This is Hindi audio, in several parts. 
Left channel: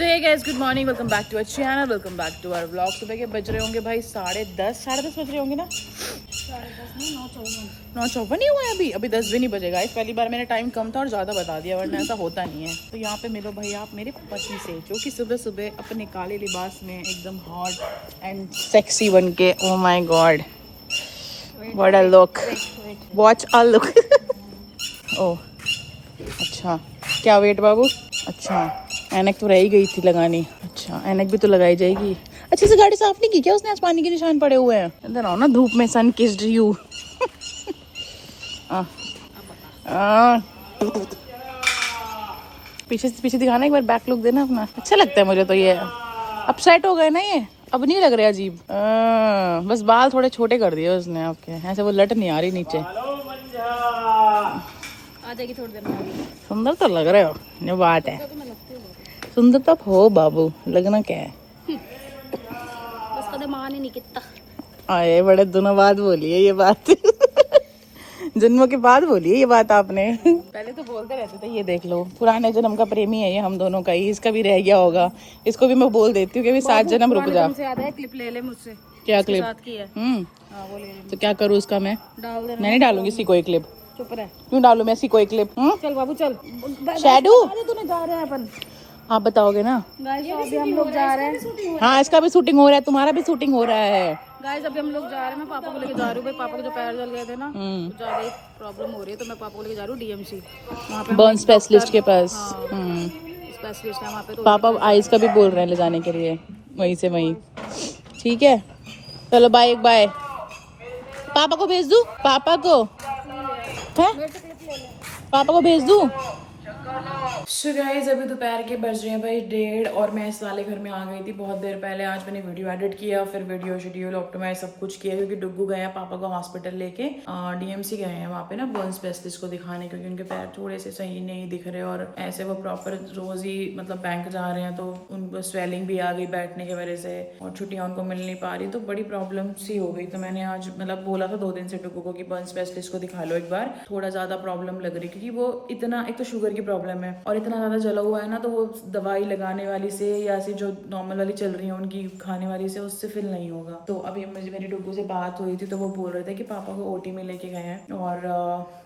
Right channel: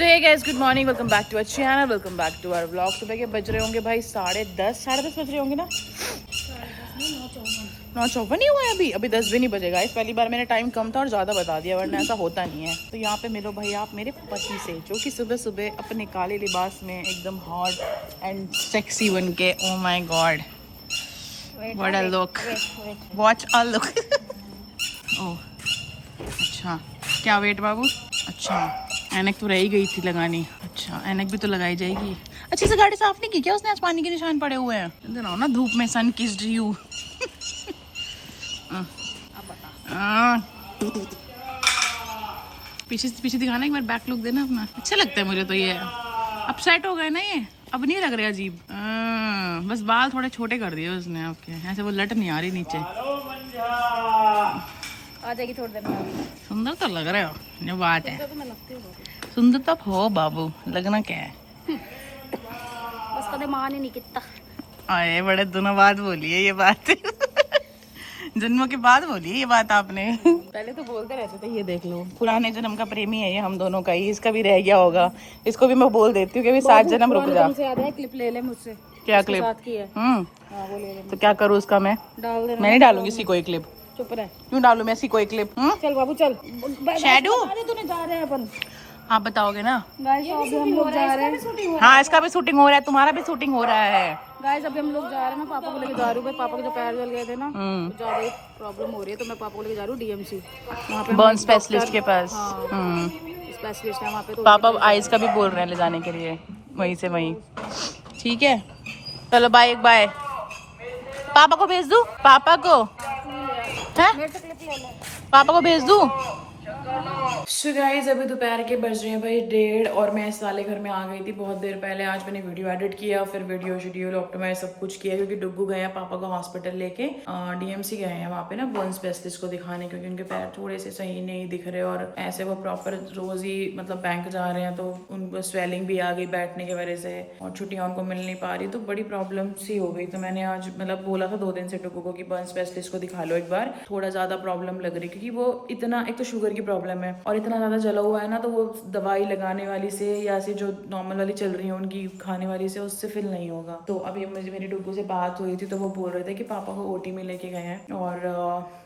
So hey guys, good morning, welcome back to our channel, welcome back to our vlog. सुबह के बज रहे होंगे भाई 10:30 बज रहे होंगे ना। 9:54 नहीं हुआ है अभी 10 भी नहीं बजेगा। इस पहली बार मैंने टाइम कम था और ज़्यादा बता दिया, वरना ऐसा होता नहीं है। तो यहाँ पे मिलो भाई आप मेरे पति से, जो कि सुबह सुबह अपने काले लिबास में एकदम हॉट एंड सेक्सी बन के, oh my God what a look, watch a look. Oh अच्छा, क्या वेट बाबू? अच्छा, ऐनक तो रह ही गई थी लगानी। अच्छा, ऐनक भी तो लगाई जाएगी। अच्छे से गाड़ी साफ नहीं की क्या उसने? आज पानी के निशान पड़े हुए हैं। इधर आओ ना, धूप में सन किस्ड यू। पीछे पीछे दिखाना एक बार, बैक लुक देना अपना। अच्छा लगता है मुझे तो ये। अब सेट हो गए ना ये, अब नहीं लग रहे अजीब। बस बाल थोड़े छोटे कर दिए उसने आपके, ऐसे वो लट नहीं आ रही नीचे। आ जाएगी थोड़ी देर में। सुंदर तो लग रहे हो, ये बात है। सुंदर तो हो बाबू, लगना क्या है। बस कदे मान ही नहीं कितना। आए बड़े दिनों बाद बोली है ये बात। जन्मों के बाद बोली है ये बात आपने। पहले तो बोलते रहते थे ये देख लो, पुराने जन्म का प्रेमी है ये हम दोनों का ही। इसका भी रह गया होगा, इसको भी मैं बोल देती हूँ कि भी 7 जन्म रुक जा। क्लिप ले ले मुझसे। क्या क्लिप? हाँ, वो ले ले। तो क्या करूँ उसका मैं? डाल दे। मैं नहीं डालूंगी इसी कोई क्लिप। चुप रह। क्यों डालू मैं इसी कोई क्लिप? चल बाबू चल। शैडू तूने जा रहे हैं अपन। आप बताओगे ना। गाइस अभी हम लोग जा रहे हैं। हाँ, इसका भी शूटिंग हो रहा है, तुम्हारा भी शूटिंग हो रहा है। गाइस अभी हम लोग जा रहे हैं। मैं पापा को लेके जा रही हूँ भाई। पापा के जो पैर जल गए थे ना, तो ज्यादा ही प्रॉब्लम हो रही है, तो मैं पापा को लेके जा रही हूँ डीएमसी। वहाँ पे बर्न स्पेशलिस्ट के पास। स्पेशलिस्ट है वहाँ पे। तो पापा आइस का भी बोल रहे हैं ले जाने के लिए, वहीं से वहीं। ठीक है, चलो बाय बाय। पापा को भेज दूँ? पापा को है, पापा को भेज दूँ? सो गाइस अभी दोपहर के बज रहे हैं भाई 1:30 और मैं इस वाले घर में आ गई थी बहुत देर पहले। आज मैंने वीडियो एडिट किया, फिर वीडियो शेड्यूल ऑप्टिमाइज सब कुछ किया, क्योंकि डुग्गू गए हैं पापा को हॉस्पिटल लेके। डीएमसी गए हैं वहाँ पे ना बोन स्पेशलिस्ट को दिखाने, क्योंकि उनके पैर थोड़े से सही नहीं दिख रहे और ऐसे वो प्रॉपर रोज ही मतलब बैंक जा रहे हैं, तो उनको स्वेलिंग भी आ गई बैठने की वजह से, और छुट्टियाँ उनको मिल नहीं पा रही, तो बड़ी प्रॉब्लम सी हो गई। तो मैंने आज मतलब बोला था 2 दिन से डुग्गू को कि बर्न स्पेशलिस्ट को दिखा लो एक बार, थोड़ा ज्यादा प्रॉब्लम लग रही, क्योंकि वो इतना, एक तो शुगर की प्रॉब्लम है और इतना ज़्यादा जला हुआ है ना, तो वो दवाई लगाने वाली से या ऐसी जो नॉर्मल वाली चल रही है उनकी खाने वाली से, उससे फिल नहीं होगा। तो अभी मुझे मेरी डुग्गू से बात हुई थी, तो वो बोल रहे थे कि पापा को ओटी में लेके गए हैं और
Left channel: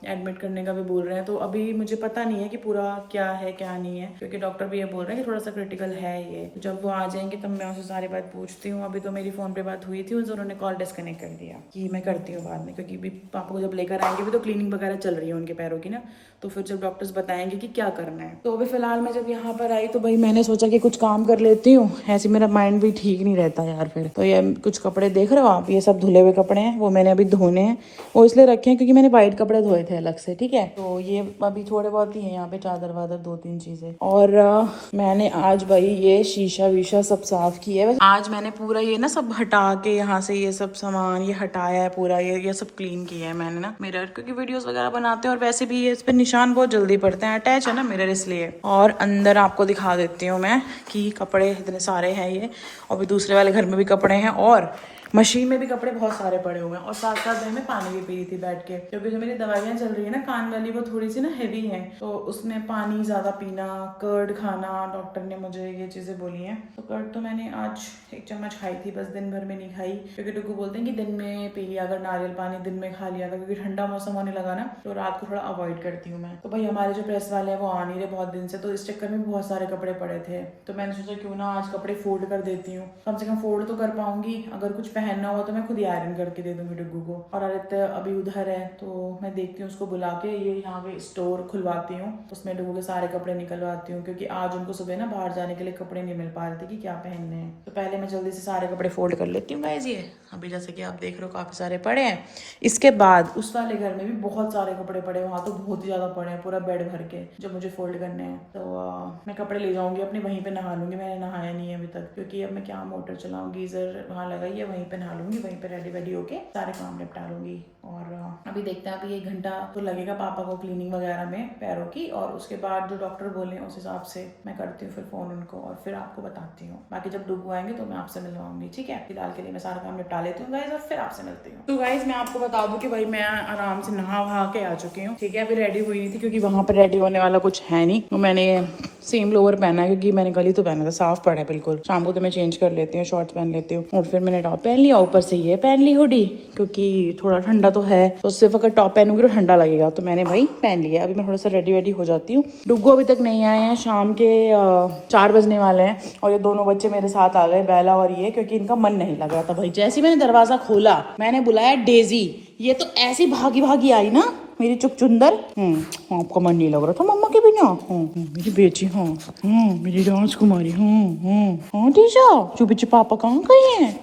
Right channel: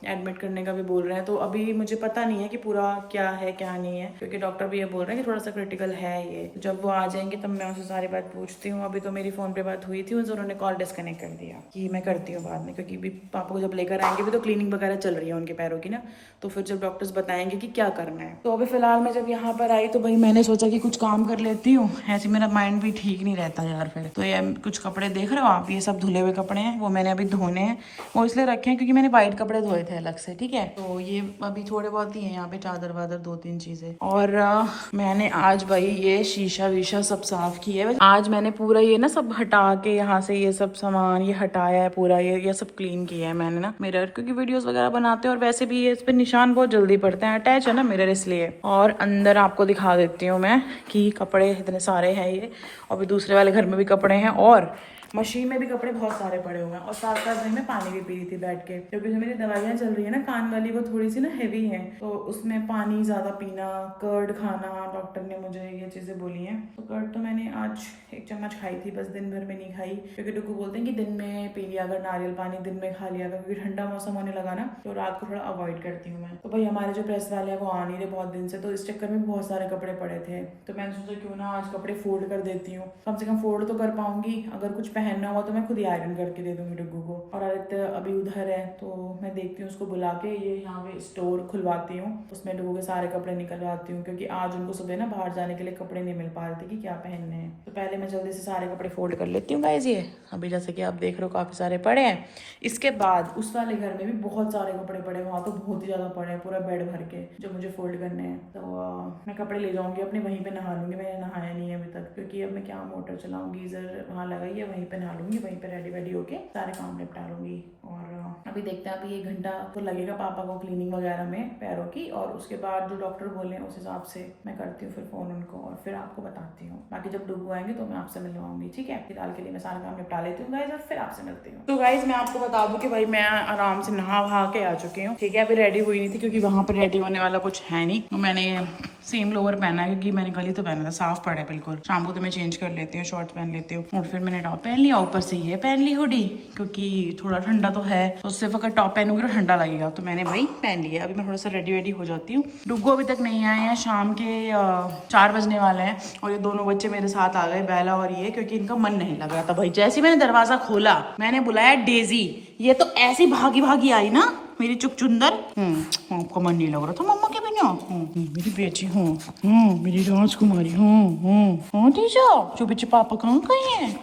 एडमिट करने का भी बोल रहे हैं। तो अभी मुझे पता नहीं है कि पूरा क्या है क्या नहीं है, क्योंकि डॉक्टर भी ये बोल रहे हैं कि थोड़ा सा क्रिटिकल है ये। जब वो आ जाएंगे तब मैं उनसे सारी बात पूछती हूँ। अभी तो मेरी फ़ोन पे बात हुई थी, उन्होंने कॉल डिस्कनेक्ट कर दिया कि मैं करती हूँ बाद में, क्योंकि पापा को जब लेकर आएंगे भी तो क्लीनिंग वगैरह चल रही है उनके पैरों की ना, तो फिर जब डॉक्टर्स बताएंगे कि क्या करना है। तो अभी फिलहाल मैं जब यहाँ पर आई तो भाई मैंने सोचा कि कुछ काम कर लेती हूँ, ऐसे मेरा माइंड भी ठीक नहीं रहता यार फिर। तो ये कुछ कपड़े देख रहे हो आप, ये सब धुले हुए कपड़े हैं, वो मैंने अभी धोने हैं। वो इसलिए रखे हैं क्योंकि मैंने वाइट कपड़े धोए थे अलग से, ठीक है। तो ये अभी थोड़े बहुत ही हैं यहाँ पे, चादर वादर 2-3 चीजें। और मैंने आज भाई ये शीशा वीशा सब साफ किया है। आज मैंने पूरा ये ना सब हटा के यहाँ से ये सब सामान ये हटाया है पूरा, ये सब क्लीन किया है मैंने ना मिरर, क्योंकि वीडियोस वगैरह बनाते हैं और वैसे भी ये इस पर निशान बहुत जल्दी पड़ते हैं, अटैच है ना मिरर इसलिए। और अंदर आपको दिखा देती हूँ मैं कि कपड़े इतने सारे हैं ये, और भी दूसरे वाले घर में भी कपड़े हैं और मशीन में भी कपड़े बहुत सारे पड़े हुए हैं। और साथ साथ भाई मैं पानी भी पी रही थी बैठ के, क्योंकि जो मेरी दवाइयाँ चल रही है ना कान वाली, वो थोड़ी सी ना हैवी हैं, तो उसमें पानी ज़्यादा पीना, कर्ड खाना, डॉक्टर ने मुझे ये चीज़ें बोली हैं। तो कर्ड तो मैंने आज 1 चम्मच खाई थी, बस दिन भर में नहीं खाई, क्योंकि डुग्गू बोलते हैं कि दिन में पी लिया अगर नारियल पानी, दिन में खा लिया, क्योंकि ठंडा मौसम होने लगा ना, तो रात को थोड़ा अवॉइड करती हूँ मैं। तो भाई हमारे जो प्रेस वाले हैं वो आ नहीं रहे बहुत दिन से, तो इस चक्कर में बहुत सारे कपड़े पड़े थे, तो मैंने सोचा क्यों ना आज कपड़े फोल्ड कर देती हूँ, कम से कम फोल्ड तो कर पाऊंगी। अगर कुछ पहनना हुआ तो मैं खुद आयरन करके दे दूंगी डुग्गू को। और आदित्य अभी उधर है, तो मैं देखती हूँ उसको बुला के ये यहाँ पे स्टोर खुलवाती हूँ, उसमें डुग्गू के सारे कपड़े निकलवाती हूँ, क्योंकि आज उनको सुबह ना बाहर जाने के लिए कपड़े नहीं मिल पा रहे थे कि क्या पहनने हैं। तो पहले मैं जल्दी से सारे कपड़े फोल्ड कर लेती हूँ गाइस। ये अभी जैसे कि आप देख रहे हो काफी सारे पड़े हैं। इसके बाद उस वाले घर में भी बहुत सारे कपड़े पड़े, वहाँ तो बहुत ही ज्यादा पड़े हैं, पूरा बेड भर के, जो मुझे फोल्ड करने हैं। तो मैं कपड़े ले जाऊंगी अपने, वहीं पे नहा लूंगी। मैंने नहाया नहीं है अभी तक, क्योंकि अब मैं क्या मोटर चलाऊँ, गीजर वहाँ लगाई है, वहीं पे नहा लूंगी, वहीं पे रेडी वेडी होके सारे काम निपटा लूंगी। और अभी देखते हैं, अभी 1 घंटा तो लगेगा पापा को क्लीनिंग वगैरह में पैरों की, और उसके बाद जो डॉक्टर बोले उस हिसाब से मैं करती हूँ फिर फोन उनको, और फिर आपको बताती हूँ। बाकी जब डुग्गू आएंगे तो मैं आपसे मिलवाऊंगी, ठीक है। फिलहाल के लिए मैं सारा काम निपटा लेती हूँ गाइस, और फिर आपसे मिलती हूँ। तो गाइस मैं आपको बता दूं कि भाई मैं आराम से नहा वहा के आ चुकी हूँ, ठीक है। अभी रेडी हुई नहीं थी, क्योंकि वहाँ पर रेडी होने वाला कुछ है नहीं, तो मैंने सेम लोअर पहना है क्योंकि मैंने कल ही तो पहना था, साफ पड़ा है बिल्कुल। शाम को तो मैं चेंज कर लेती हूँ, शॉर्ट्स पहन लेती हूँ। और फिर मैंने टॉप पहन लिया, ऊपर से ये पहन ली हुडी क्योंकि थोड़ा ठंडा तो है, तो सिर्फ अगर टॉप पहनूंगी तो ठंडा लगेगा, तो मैंने भाई पहन लिया। अभी मैं थोड़ा सा रेडी हो जाती हूँ। डुग्गू अभी तक नहीं आए हैं, शाम के 4 बजने वाले हैं और ये दोनों बच्चे मेरे साथ आ गए, बेला और ये, क्योंकि इनका मन नहीं लग रहा था भाई। जैसे मैंने दरवाजा खोला मैंने बुलाया डेजी, ये तो ऐसी भागी भागी आई ना मेरी चुकचुंदर। आपका मन नहीं लग रहा था मम्मा के बिना? मेरी बेटी, मेरी राजकुमारी, हाँ टीचा चुपी चुप पापा कहाँ गए हैं?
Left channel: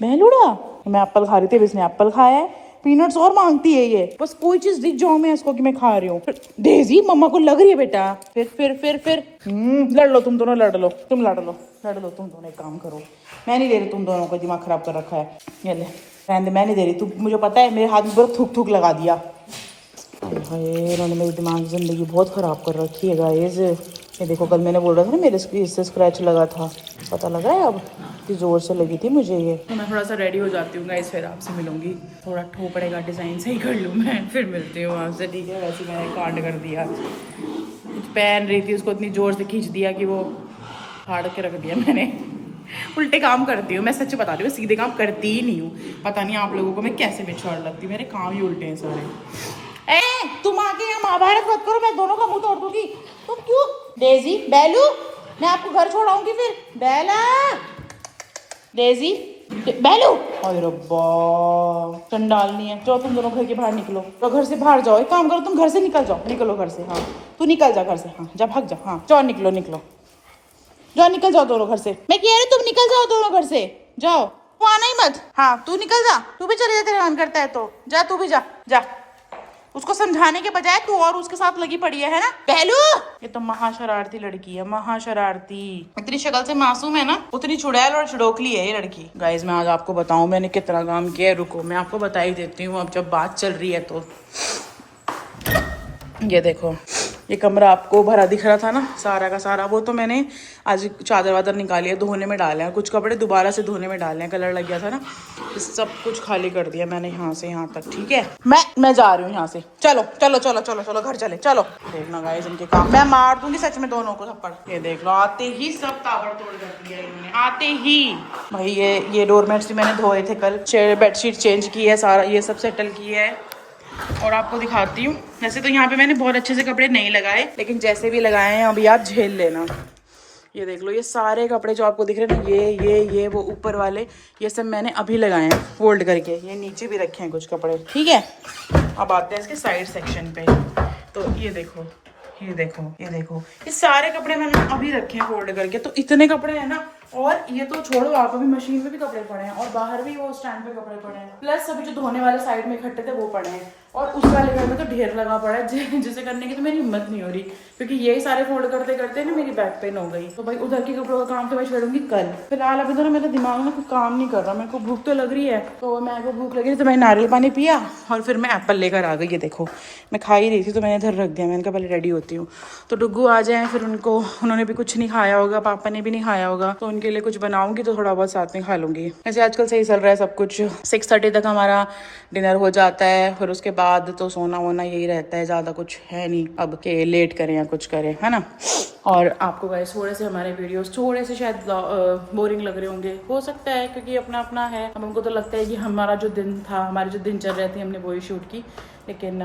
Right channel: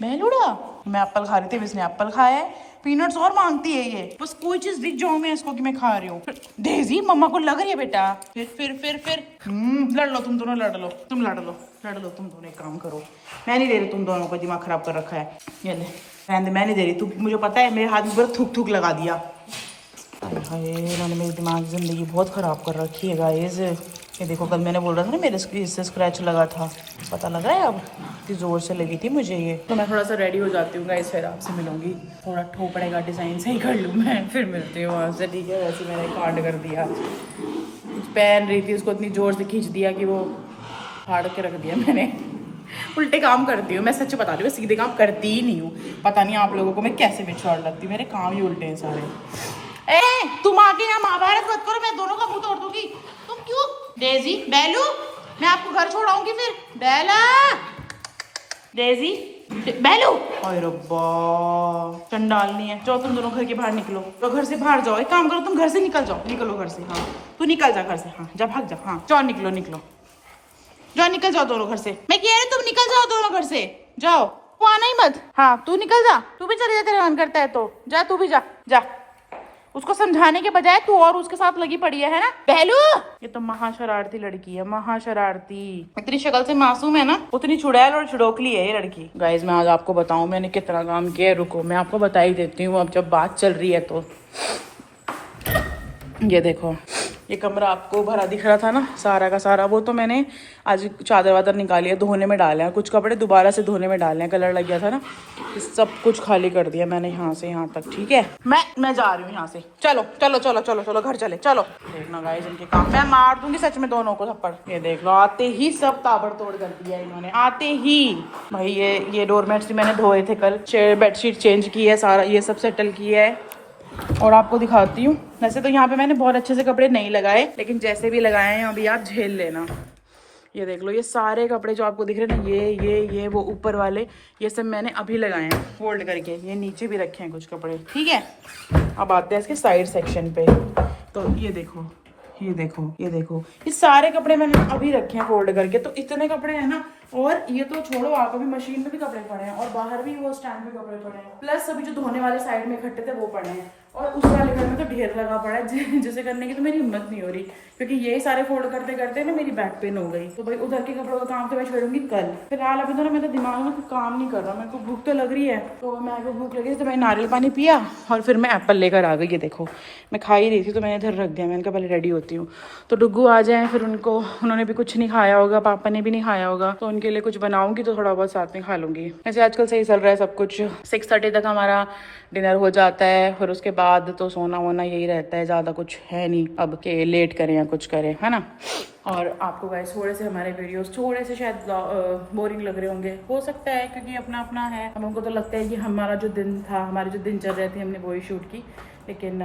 बेलुड़ा, मैं एप्पल खा रही थी, इसने एप्पल खाया है, पीनट्स और मांगती है ये, बस कोई चीज दिख जाओ मैं इसको कि मैं खा रही हूँ। डेजी मम्मा को लग रही है बेटा, फिर लड़ लो तुम दोनों, लड़ लो तुम दोनों। एक काम करो, मैं नहीं दे रही तुम दोनों को, दिमाग खराब कर रखा है। ये ले मैं नहीं दे रही, तू मुझे पता है मेरे हाथ में पूरा थूक थूक लगा दिया। इन्होंने मेरी दिमाग की जिंदगी बहुत खराब कर रखी है गाइस। ये देखो कल मैंने बोल रहा था ना मेरे इससे स्क्रैच लगा था, पता लग रहा है अब इतनी जोर से लगी थी मुझे ये। तो मैं थोड़ा सा रेडी हो जाती हूँ गाइस, फिर आपसे मिलूंगी। थोड़ा ठो पड़ेगा, डिजाइन सही कर लूँ मैं, फिर मिलती हूँ आपसे, ठीक है? वैसे मैंने कांड कर दिया, कुछ पहन रही थी उसको इतनी जोर से खींच दिया कि वो फाड़ के रख दिया मैंने। उल्टे काम करती हूँ मैं, सच बता रही हूँ, सीधे काम करती ही नहीं हूँ। पता नहीं आप लोगों को मैं कैसे बिछाड़ लगती हूँ, मेरे काम ही उल्टे हैं सारे। तुम आके यहाँ महाभारत मत करो, मैं दोनों का मुंह तोड़ दूंगी। तुम क्यों डेजी, बेलू, मैं आपको घर छोड़ाऊंगी फिर। बेला, डेजी, बेलू, अरे रब्बा चंडाल नहीं है। जाओ तुम दोनों घर के बाहर निकलो, तो घर से बाहर जाओ। एक काम करो, तुम घर से निकल जाओ, निकलो घर से। हाँ तू निकल जा घर से, हाँ जा भाग जा, हाँ जाओ निकलो जाओ, निकल जाओ दोनों घर से। मैं कह रही तुम निकल जाओ दोनों घर से, जाओ, तू आना ही मत। हाँ तू निकल जा, तू भी चले जा, तेरा मन करता है तो जा, तू भी जा। उसको समझाने के बजाय तू और उसके साथ लगी पड़ी है ना पहलू। ये तो महाशरारती लड़की है, महाशरारती। इतनी शक्ल से मासूम है ना, उतनी चुड़ैल और चुड़ोकली है ये लड़की। गाइस मैं आज आपको बताऊं मैंने कितना काम किया है, रुको मैं आपको बता ही देती हूँ अब जब बात चल रही है तो। ये देखो, ये कमरा आपको भरा दिख रहा था ना सारा का सारा, वो तो मैंने आज चादर वादर निकाली है, धोने में डाले हैं, कुछ कपड़े दोबारा से धोने में डाले हैं, कलर लग गया था ना, सब कुछ खाली कर दिया मैंने यहाँ से यहाँ तक, ठीक है? मैं जा रही हूँ यहाँ से, चलो घर चले, चलो। देखना गाइस इनके काम, मैं मार दूंगी सच में दोनों को थप्पड़। ये देख लो, आते ही सब ताबड़तोड़ कर दिया इन्होंने, आते ही। भाई ये डोरमेट्स भी मैंने धोए थे कल, बेडशीट चेंज की है, सारा ये सब सेटल किया है। और आपको दिखाती हूँ, वैसे तो यहाँ पे मैंने बहुत अच्छे से कपड़े नहीं लगाए, लेकिन जैसे भी लगाए हैं अभी आप झेल लेना। ये देख लो, ये सारे कपड़े जो आपको दिख रहे हैं ना, ये वो ऊपर वाले, ये सब मैंने अभी लगाए हैं फोल्ड करके। ये नीचे भी रखे हैं कुछ कपड़े, ठीक है? अब आते हैं इसके साइड सेक्शन पे। तो ये देखो, ये सारे कपड़े मैंने अभी रखे हैं फोल्ड करके। तो इतने कपड़े हैं ना, और ये तो छोड़ो, आप अभी मशीन में भी कपड़े पड़े हैं और बाहर भी वो स्टैंड पे कपड़े पड़े हैं, प्लस अभी जो धोने वाले साइड में इकट्ठे थे वो पड़े हैं, और उस वाले घर में तो ढेर लगा पड़ा है जिसे करने की तो मेरी हिम्मत नहीं हो रही, क्योंकि यही सारे फोल्ड करते करते ना मेरी बैक पेन हो गई। तो भाई उधर के कपड़ों का काम तो मैं छोड़ूंगी कल। फिलहाल अभी तो ना मेरा दिमाग में कुछ काम नहीं कर रहा, मेरे को भूख तो लग रही है, तो मेरे को भूख लगी तो मैंने नारियल पानी पिया और फिर मैं एप्पल लेकर आ गई। ये देखो, मैं खा ही रही थी तो मैंने इधर रख दिया, मैंने कहा पहले रेडी होती हूँ। तो डुग्गू आ जाए, फिर उन्होंने भी कुछ नहीं खाया होगा, पापा ने भी नहीं खाया होगा, तो उनके लिए कुछ बनाऊंगी तो थोड़ा बहुत साथ में खा लूंगी। ऐसे आजकल सही चल रहा है सब कुछ, 6:30 तक हमारा डिनर हो जाता है, फिर उसके बाद तो सोना वोना यही रहता है, ज़्यादा कुछ है नहीं अब के लेट करें या कुछ करें, है ना? और आपको गाइस थोड़े से हमारे वीडियोस थोड़े से शायद बोरिंग लग रहे होंगे, हो सकता है, क्योंकि अपना अपना है। अब हमको तो लगता है कि हमारा जो दिन था, हमारी जो दिन चल रहे थे, हमने वही शूट की, लेकिन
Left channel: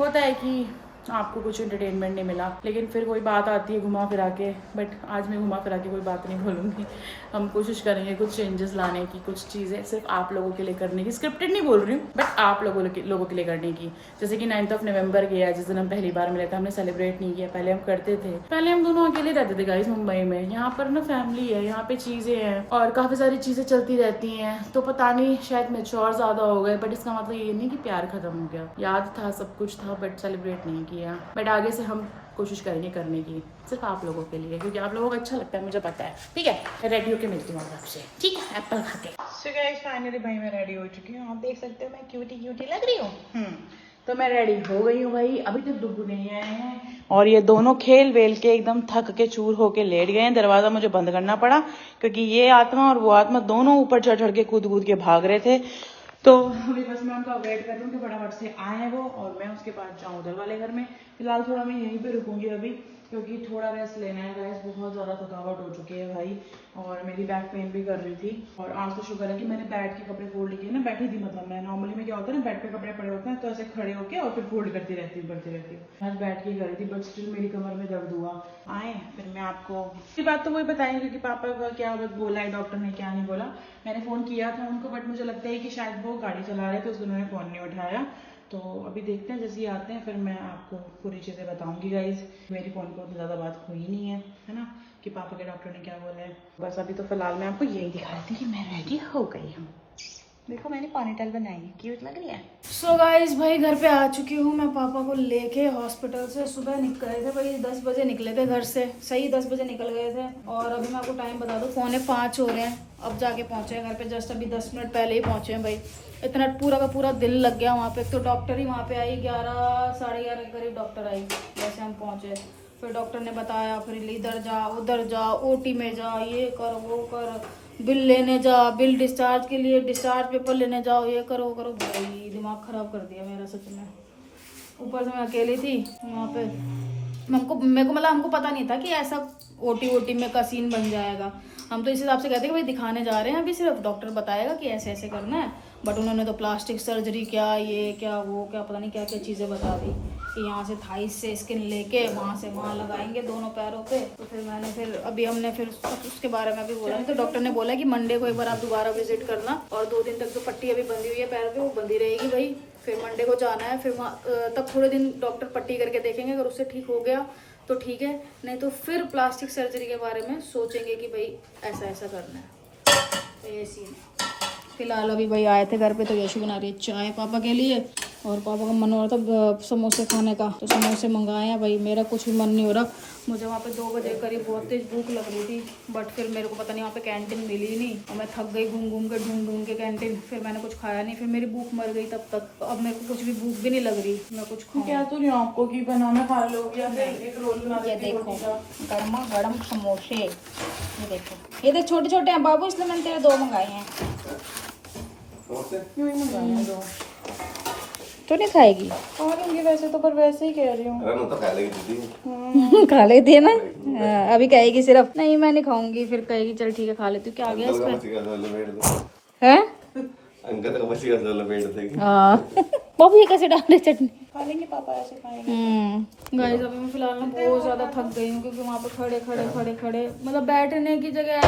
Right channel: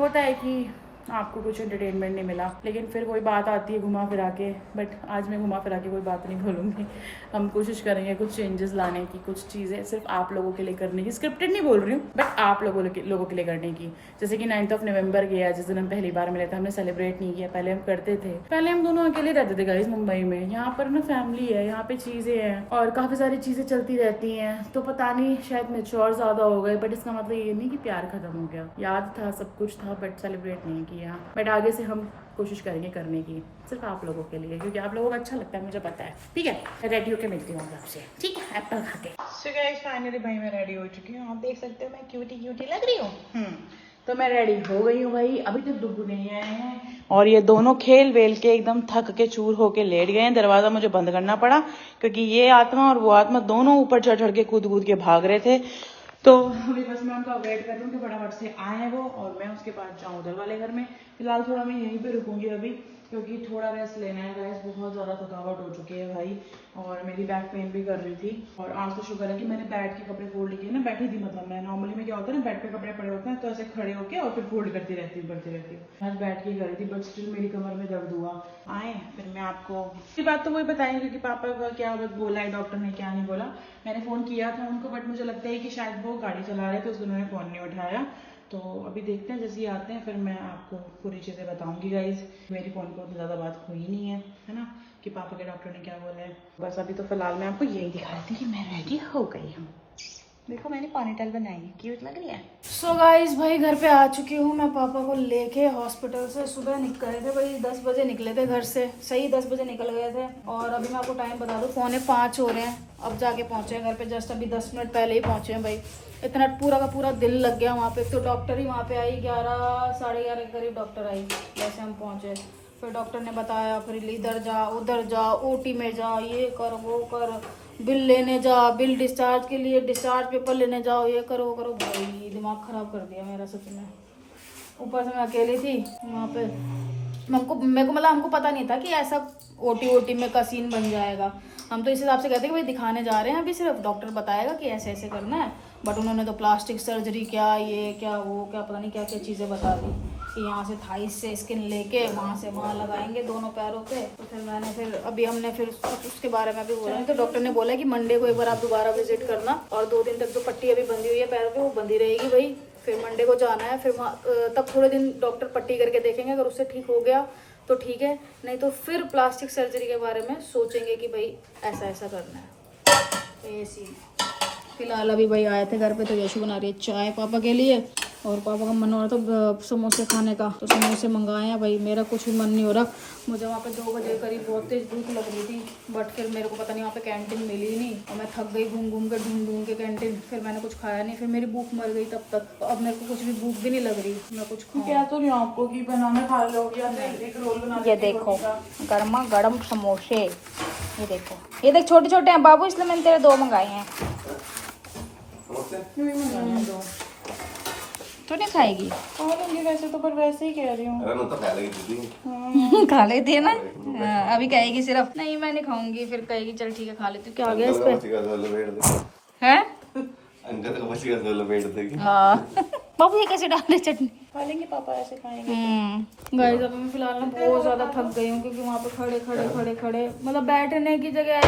होता है कि आपको कुछ एंटरटेनमेंट नहीं मिला। लेकिन फिर वही बात आती है घुमा फिरा के, बट आज मैं घुमा फिरा के कोई बात नहीं बोलूँगी। हम कोशिश करेंगे कुछ चेंजेस लाने की, कुछ चीज़ें सिर्फ आप लोगों के लिए करने की, स्क्रिप्टेड नहीं बोल रही हूँ, बट आप लोगों के लिए करने की। जैसे कि 9 नवंबर गया, जिस दिन हम पहली बार मिले थे, हमने सेलिब्रेट नहीं किया, पहले हम करते थे। पहले हम दोनों अकेले रहते थे गाइस मुंबई में, यहाँ पर ना फैमिली है, यहाँ पे चीज़ें हैं और काफ़ी सारी चीज़ें चलती रहती हैं, तो पता नहीं शायद मैच्योर ज़्यादा हो गए, बट इसका मतलब ये नहीं कि प्यार खत्म हो गया। याद था, सब कुछ था, बट सेलिब्रेट नहीं किया। बट आगे से हम कोशिश करेंगे करने की, सिर्फ आप लोगों के लिए, क्योंकि आप लोगों को अच्छा लगता है, मुझे पता है, ठीक है? रेडी होके मिलती हूँ आपसे, ठीक है? एप्पल खा के। सो गाइस फाइनली भाई मैं रेडी हो चुकी हूँ, आप देख सकते हो मैं क्यूटी लग रही हूँ। तो मैं रेडी हो गई हूँ भाई, अभी तक डुग्गू नहीं आए हैं और ये दोनों खेल वेल के एकदम थक के चूर होके लेट गए हैं। दरवाजा मुझे बंद करना पड़ा क्योंकि ये आत्मा और वो आत्मा दोनों ऊपर चढ़ के कूद के भाग रहे थे। तो अभी बस मैं उनका वेट कर रही हूँ कि फटाफट से आए वो और मैं उसके पास जाऊँ उधर वाले घर में। फिलहाल थोड़ा मैं यहीं पे रुकूंगी अभी, क्योंकि थोड़ा रेस्ट लेना है गाइस। बहुत ज़्यादा थकावट हो चुकी है भाई, और मेरी बैक पेन भी कर रही थी। और आज तो शुक्र है कि मैंने बैठ के कपड़े फोल्ड किए ना, बैठी थी। मतलब मैं नॉर्मली में क्या होता है ना, बेड पे कपड़े पड़े होते हैं तो ऐसे खड़े होके और फिर फोल्ड करती रहती हूँ। आज बैठ के कर रही थी, बट स्टिल मेरी कमर में दर्द हुआ। आए फिर मैं आपको की बात तो वही बताएंगे कि पापा का क्या बोला है डॉक्टर ने, क्या नहीं बोला। मैंने फ़ोन किया था उनको, बट मुझे लगता है कि शायद वो गाड़ी चला रहे थे, उसको उन्होंने फ़ोन नहीं उठाया। तो अभी देखते हैं, जैसे ही आते हैं फिर मैं आपको पूरी चीज़ें बताऊंगी गाइज। मेरी फ़ोन पर ज़्यादा बात हुई नहीं है ना, कि पापा के डॉक्टर ने क्या बोला है। बस अभी तो फिलहाल मैं आपको यही दिखा रही थी कि मैं रेडी हो गई हूँ। देखो मैंने पोनीटेल बनाई है, क्यूट लग रही है। सो गाइज भाई घर पे आ चुकी हूँ मैं पापा को लेके हॉस्पिटल से। सुबह निकले थे भाई, 10 बजे निकले थे घर से, सही 10 बजे निकल गए थे। और अभी मैं आपको टाइम बता दूँ, 4:45 हो रहे हैं, अब जाके पहुँचे हैं घर पे। जस्ट अभी 10 मिनट पहले ही पहुँचे हैं भाई। इतना पूरा का पूरा दिन लग गया वहाँ पे। तो डॉक्टर ही वहाँ पे आई 11 साढ़े 11 के करीब डॉक्टर आई जैसे हम पहुँचे। फिर डॉक्टर ने बताया, फिर इधर जा उधर जा, ओटी में जा, ये कर वो कर, बिल लेने जा, बिल डिस्चार्ज के लिए डिस्चार्ज पेपर लेने जाओ, ये करो वो करो। भाई दिमाग ख़राब कर दिया मेरा सच में। ऊपर से मैं अकेली थी वहाँ पे। मेरे को मतलब हमको पता नहीं था कि ऐसा ओटी में का सीन बन जाएगा। हम तो इस हिसाब से कहते कि भाई दिखाने जा रहे हैं, अभी सिर्फ डॉक्टर बताएगा कि ऐसे ऐसे करना है। बट उन्होंने तो प्लास्टिक सर्जरी क्या ये क्या वो क्या पता नहीं क्या क्या चीज़ें बता दी कि यहाँ से थाइस से स्किन लेके वहाँ से वहाँ लगाएंगे दोनों पैरों पे। तो फिर अभी हमने फिर उसके बारे में भी बोला। तो डॉक्टर ने बोला कि मंडे को एक बार आप दोबारा विजिट करना, और 2 दिन तक जो पट्टी अभी बंधी हुई है पैरों पे वो बंधी रहेगी भाई। फिर मंडे को जाना है, फिर वहाँ तब थोड़े दिन डॉक्टर पट्टी करके देखेंगे, अगर उससे ठीक हो गया तो ठीक है, नहीं तो फिर प्लास्टिक सर्जरी के बारे में सोचेंगे कि भाई ऐसा ऐसा करना है। तो ये सीन है। फिलहाल अभी भाई आए थे घर पे, तो यशु बना रही है चाय पापा के लिए, और पापा का मन हो रहा था समोसे खाने का, तो समोसे मंगाए हैं भाई। मेरा कुछ भी मन नहीं हो रहा। मुझे वहाँ पे 2 बजे करीब बहुत तेज भूख लग रही थी, बट फिर मेरे को पता नहीं वहाँ पे कैंटीन मिली ही नहीं, और मैं थक गई घूम के ढूंढ के कैंटीन। फिर मैंने कुछ खाया नहीं, फिर मेरी भूख मर गई तब तक। तो अब मेरे को कुछ भी भूख भी नहीं लग रही, मैं कुछ खाऊं। क्या तो नहीं आपको कि बनाना खा लो, या एक रोल बना। ये देखो गर्मा गर्म समोसे, ये देखो, ये देख छोटे छोटे हैं बाबू, इसलिए मैंने तेरे 2 मंगाए हैं। तो नहीं खाएगी तो नहीं, वैसे तो पर वैसे ही कह रही हूँ। अरे मैं तो खा लेगी दीदी। खा लेती है ना। अभी कहेगी सिर्फ नहीं मैं नहीं खाऊंगी, फिर कहेगी चल ठीक है खा लेती। तो आ गया इस पे है बाबू, ये कैसे डाल रहे चटनी, खा लेंगे पापा ऐसे खाएंगे। गाइस अभी मैं फिलहाल ना बहुत ज्यादा थक गई हूँ, क्योंकि वहाँ पे खड़े मतलब बैठने की जगह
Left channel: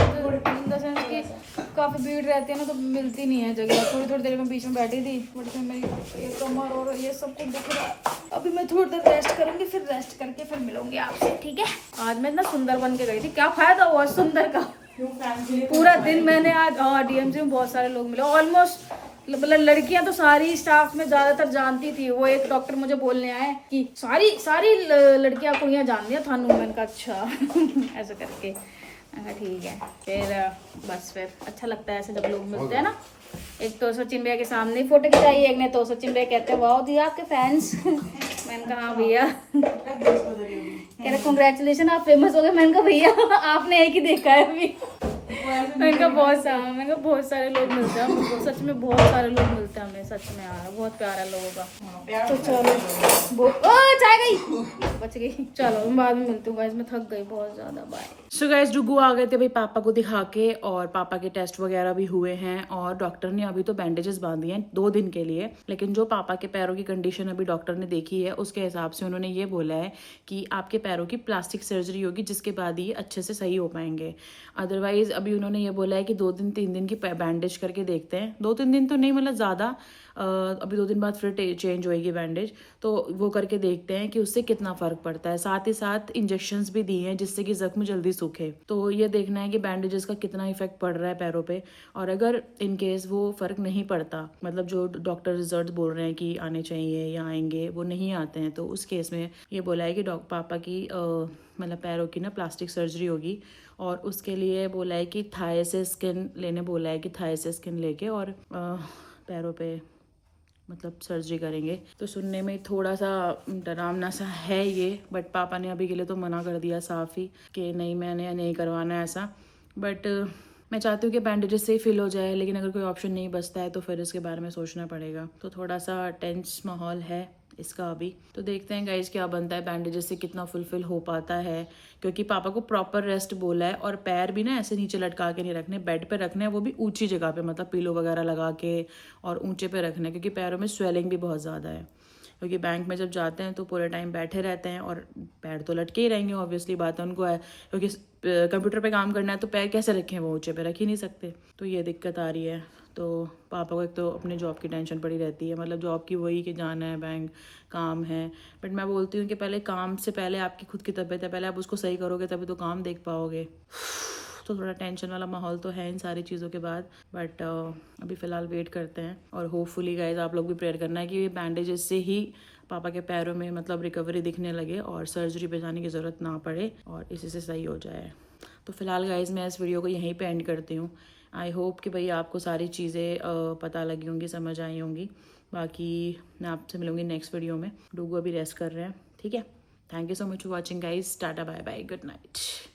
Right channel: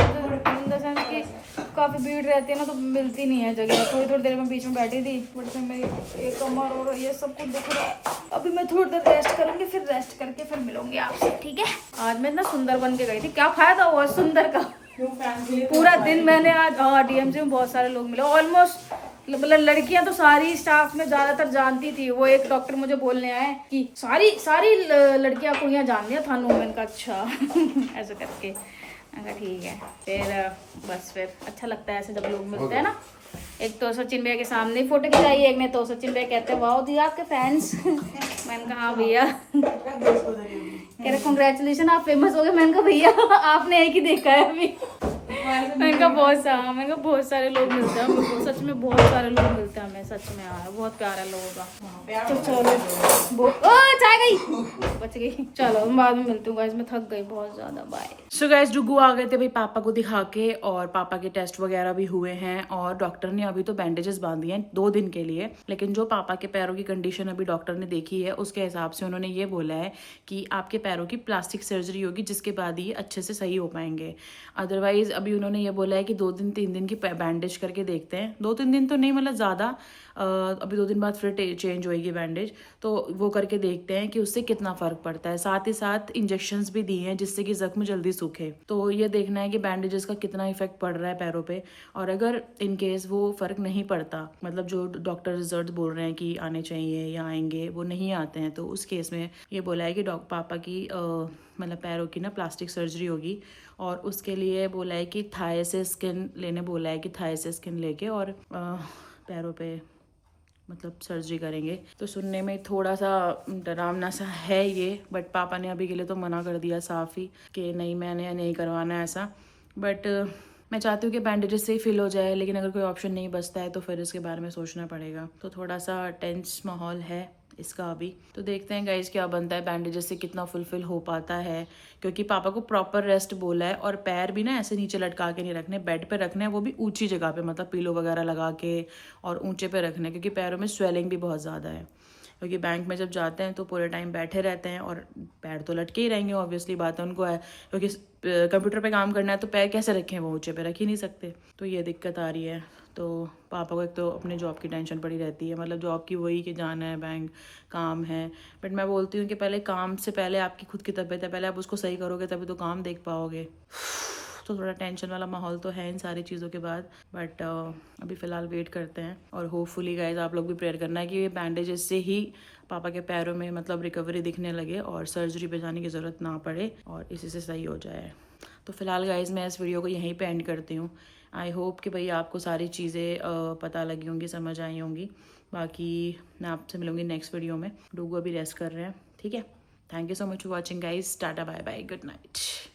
इन द सेंस कि काफी भीड़ रहती है ना, तो मिलती नहीं है जगह। थोड़ी देर में बीच में बैठी थी, बट फिर मेरी एक कमर और ये सब कुछ दुख रहा है। अभी मैं थोड़ी देर रेस्ट करूंगी, फिर रेस्ट करके फिर मिलूंगी आपसे, ठीक है। आज मैं इतना सुंदर बन के गई थी, क्या फायदा हुआ सुंदर का। पूरा दिन मैंने आज डीएमसी में बहुत सारे लोग मिले, ऑलमोस्ट मतलब लड़कियां तो सारी स्टाफ में ज्यादातर जानती थी। वो एक डॉक्टर मुझे बोलने आए कि सारी लड़कियां कुड़ियां जानती हैं थानू। मैंने कहा अच्छा ऐसा करके। मैंने कहा ठीक है। फिर बस फिर अच्छा लगता है ऐसे जब लोग मिलते हैं ना। एक तो सचिन भैया के सामने फोटो खिंचाई, एक ने तो सचिन भैया कहते हैं वाह दी आपके फैंस। मैंने कहा हाँ भैया। कह रहे कॉन्ग्रेचुलेशन आप फेमस हो गए। मैंने कहा भैया आपने एक ही देखा है अभी। मैंने कहा बहुत सारे लोग मिलते हैं हमको, सच में बहुत सारे लोग मिलते हैं हमें, सच में यार बहुत प्यार है लोगों का। तो चलो चाय गई बच गई, चलो बाद में मिलती हूँ गाइस, मैं थक गई बहुत ज्यादा। बाय। सो गाइस डुगू आ गए थे भाई पापा को दिखा के, और पापा के टेस्ट वगैरह भी हुए हैं, और डॉक्टर ने अभी तो बैंडेजेस बांधी हैं 2 दिन के लिए। लेकिन जो पापा के पैरों की कंडीशन अभी डॉक्टर ने देखी है, उसके हिसाब से उन्होंने ये बोला है कि आपके पैरों की प्लास्टिक सर्जरी होगी, जिसके बाद ही अच्छे से सही हो पाएंगे। अदरवाइज अभी उन्होंने ये बोला है कि 2 दिन 3 दिन की बैंडेज करके देखते हैं। 2-3 दिन तो नहीं, मतलब ज़्यादा, अभी 2 दिन बाद फिर चेंज होएगी बैंडेज, तो वो करके देखते हैं कि उससे कितना फ़र्क पड़ता है। साथ ही साथ इंजेक्शंस भी दिए हैं जिससे कि ज़ख्म जल्दी सूखे। तो ये देखना है कि बैंडेजेस का कितना इफेक्ट पड़ रहा है पैरों पे, और अगर इन केस वो फ़र्क नहीं पड़ता, मतलब जो डॉक्टर रिजल्ट बोल रहे हैं कि आने चाहिए या आएंगे वो नहीं आते हैं, तो उस केस में ये बोला है कि पापा की मतलब पैरों की ना प्लास्टिक सर्जरी होगी। और उसके लिए बोला है कि थाई से स्किन लेने बोला है, कि थाई से स्किन लेके और पैरों पे मतलब सर्जरी करेंगे। तो सुनने में थोड़ा सा डरावना सा है ये, बट पापा ने अभी के लिए तो मना कर दिया साफ ही कि नहीं मैंने नहीं करवाना है ऐसा। बट मैं चाहती हूँ कि बैंडेजेस से ही फिल हो जाए, लेकिन अगर कोई ऑप्शन नहीं बचता है तो फिर इसके बारे में सोचना पड़ेगा। तो थोड़ा सा टेंस माहौल है, इसका अभी। तो देखते हैं गाइज क्या बनता है, बैंडेजेस से कितना फुलफिल हो पाता है, क्योंकि पापा को प्रॉपर रेस्ट बोला है। और पैर भी ना ऐसे नीचे लटका के नहीं रखने, बेड पे रखने हैं, वो भी ऊंची जगह पे, मतलब पिलो वगैरह लगा के और ऊंचे पे रखना है, क्योंकि पैरों में स्वेलिंग भी बहुत ज़्यादा है। क्योंकि बैंक में जब जाते हैं तो पूरे टाइम बैठे रहते हैं और पैर तो लटके ही रहेंगे, ऑब्वियसली बात है, उनको है क्योंकि कंप्यूटर पे काम करना है तो पैर कैसे रखें, वो ऊंचे पे रख ही नहीं सकते। तो ये दिक्कत आ रही है। तो पापा को एक तो अपने जॉब की टेंशन पड़ी रहती है, मतलब जॉब की वही कि जाना है बैंक, काम है। बट मैं बोलती हूँ कि पहले काम से पहले आपकी खुद की तबीयत है, पहले आप उसको सही करोगे तभी तो काम देख पाओगे। तो थोड़ा टेंशन वाला माहौल तो है इन सारी चीज़ों के बाद, बट अभी फ़िलहाल वेट करते हैं। और होपफुली गाइज आप लोग भी प्रेयर करना है कि ये बैंडेजेस से ही पापा के पैरों में मतलब रिकवरी दिखने लगे और सर्जरी पे जाने की ज़रूरत ना पड़े और इसी से सही हो जाए। तो फिलहाल गाइज मैं इस वीडियो को यहीं पे एंड करती हूँ। आई होप कि भाई आपको सारी चीज़ें पता लगी होंगी, समझ आई होंगी। बाकी मैं आपसे मिलूंगी नेक्स्ट वीडियो में। डूगू अभी रेस्ट कर रहे हैं, ठीक है। Thank you so much for watching guys. Tata bye bye, good night.